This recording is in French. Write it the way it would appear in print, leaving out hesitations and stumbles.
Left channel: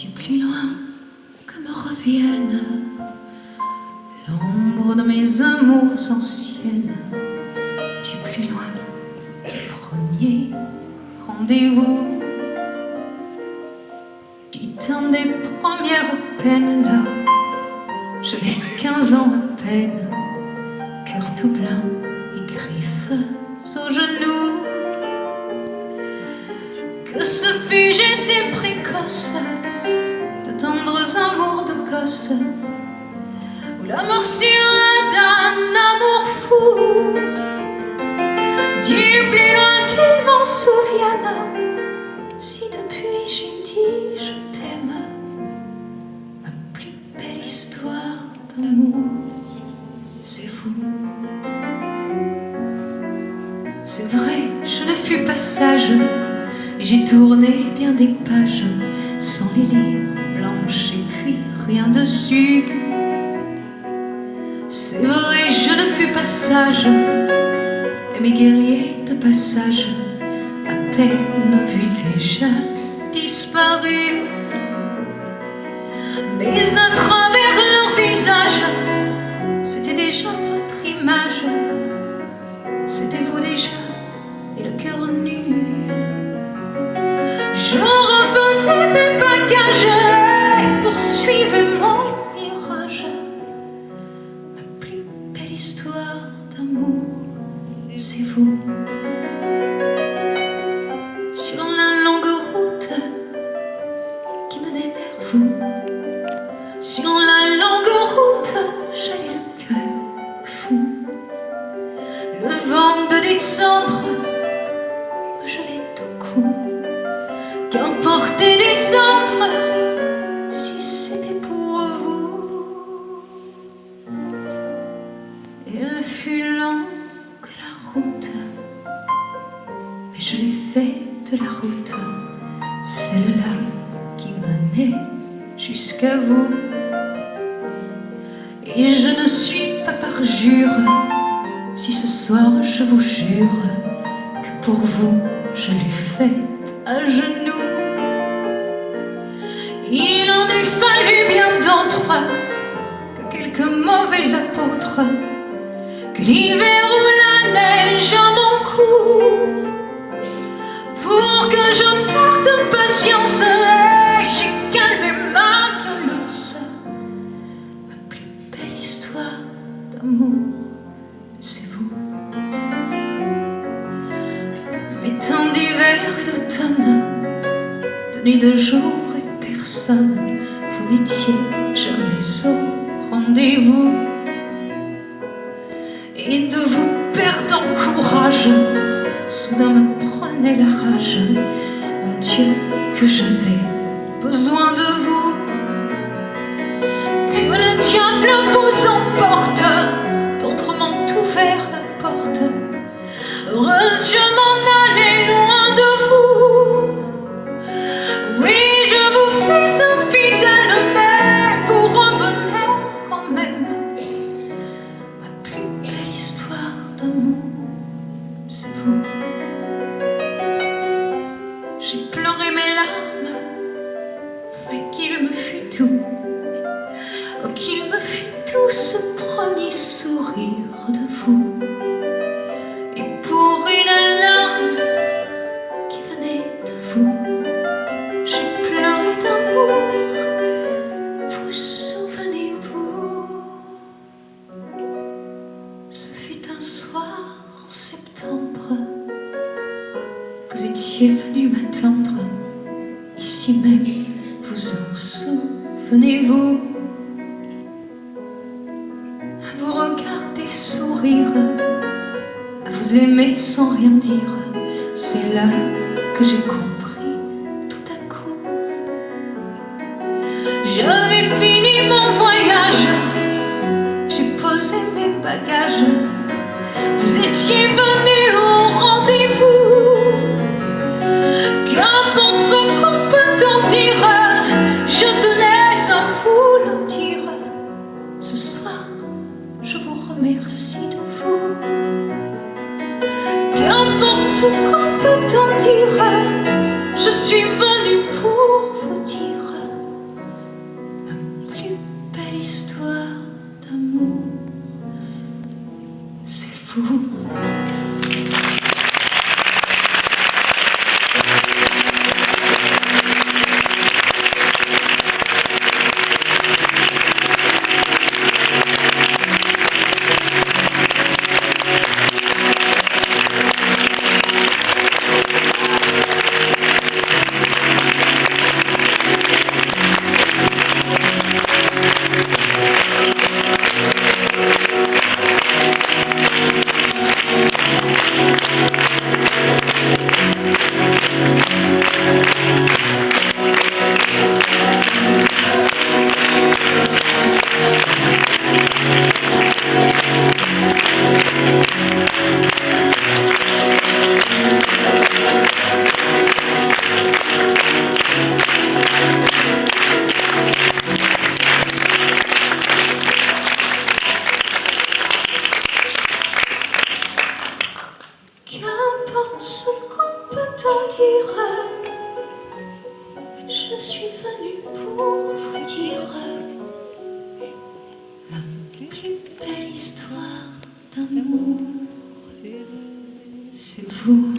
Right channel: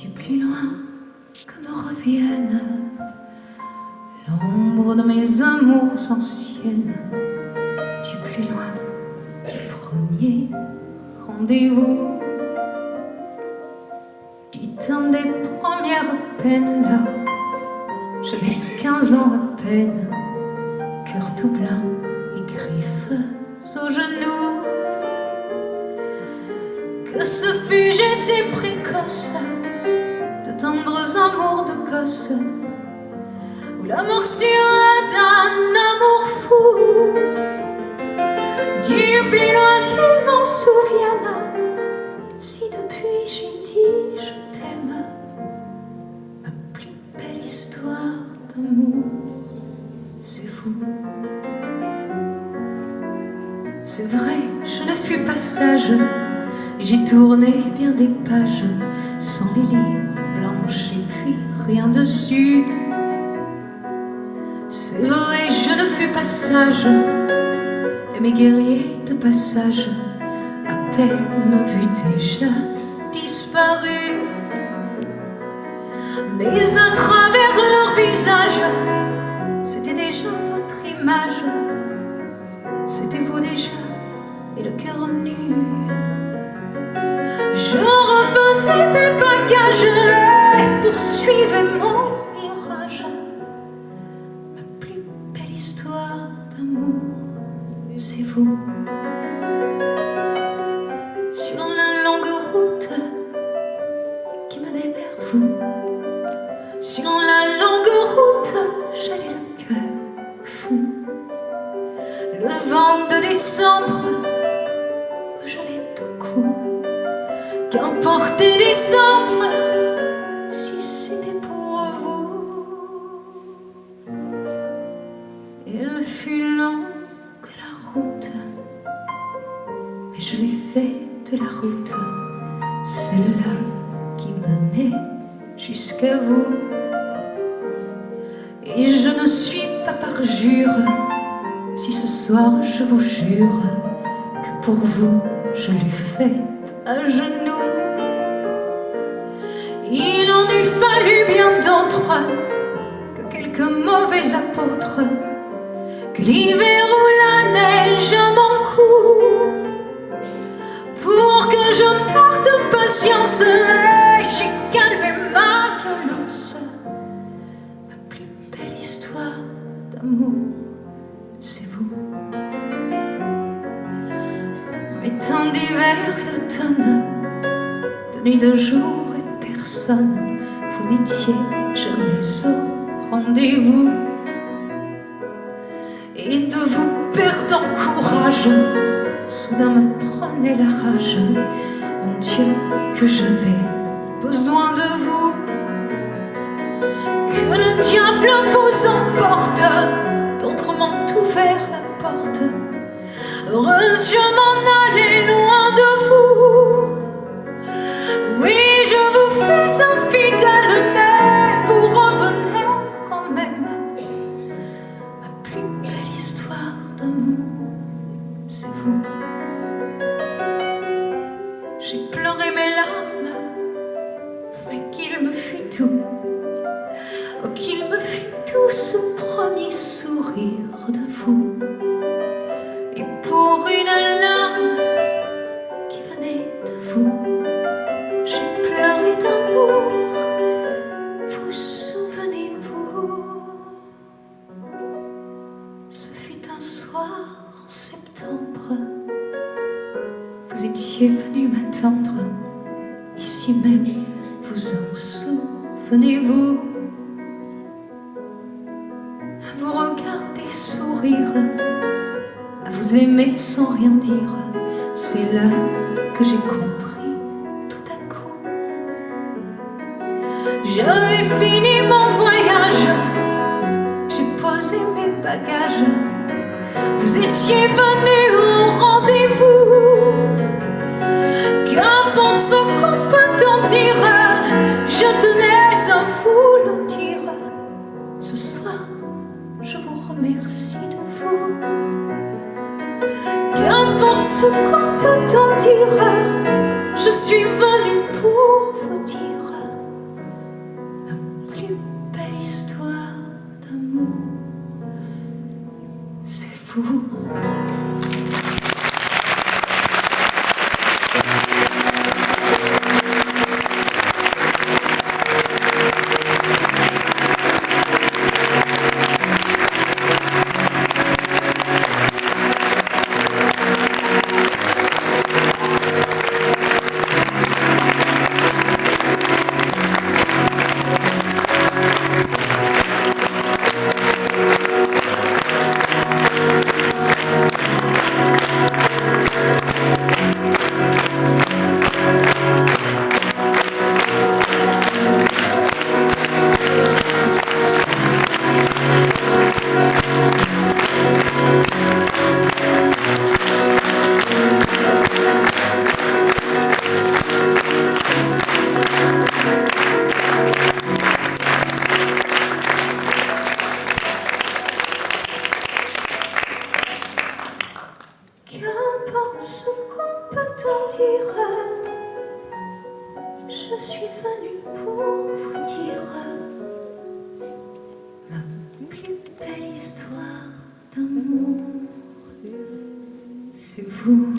du plus loin que me revienne l'ombre de mes amours anciennes, du plus loin du premier rendez-vous, du temps des premières peines. Là, j'avais 15 ans à peine, cœur tout blanc et griffes aux genoux. Que ce fut, j'étais précoce, de tendres amours de gosse, ou la morsure d'un amour fou. Du plus loin qu'il m'en souvienne, si depuis j'ai dit je t'aime, ma plus belle histoire d'amour, c'est vous. C'est vrai, je ne fus pas sage, j'ai tourné bien des pages sans les livres blanches et puis rien dessus. C'est vrai, je ne fus pas sage, et mes guerriers de passage à peine vus déjà disparus. Mais à travers leur visage, c'était déjà votre image, c'était vous déjà et le cœur nu. Je refaisais mes bagages et poursuivais mon mirage. Ma plus belle histoire d'amour, c'est vous. Sur la longue route qui menait vers vous, sur la longue route, j'allais le cœur fou. Le vent de décembre me gelait au cou. Qu'emportait décembre si c'était pour vous. Elle fut longue la route, mais je l'ai fait de la route, celle-là qui menait jusqu'à vous. Et je ne suis pas parjure si ce soir je vous jure que pour vous je l'ai faite à genoux. Il en eût fallu bien d'autres, que quelques mauvais apôtres, que l'hiver ou la neige à mon cou, pour que je perde patience et j'ai calmé ma violence. Ma plus belle histoire d'amour, c'est vous. Mes temps d'hiver et d'automne, de nuit, de jour et personne, vous n'étiez jamais au rendez-vous. Et de vous perdant courage, soudain me prenait la rage. Mon Dieu, que j'avais besoin de vous. Que le diable vous emporte, d'autres m'ont ouvert la porte. Heureuse, je m'en allais loin de vous. Oui, je vous fais infidèle, mais vous revenez quand même. Ma plus belle histoire d'amour, c'est vous. J'ai pleuré mes larmes, mais qu'il me fut tout. Oh, qu'il me fut tout ce premier sourire de vous. Et pour une larme qui venait de vous, j'ai pleuré d'amour, vous souvenez-vous? Ce fut un soir en septembre, vous étiez venu m'attendre, ici même, vous en souvenez-vous? À vous regarder sourire, à vous aimer sans rien dire, c'est là que j'ai compris tout à coup. J'avais fini mon voyage, j'ai posé mes bagages, vous étiez venu au rendez-vous. Qu'importe ce qu'on peut en dire, je tenais à vous le dire. Ce soir, je vous remercie de vous. Qu'importe ce qu'on peut en dire, je suis venue pour vous dire suis venue pour vous dire ma plus belle histoire d'amour. C'est vous.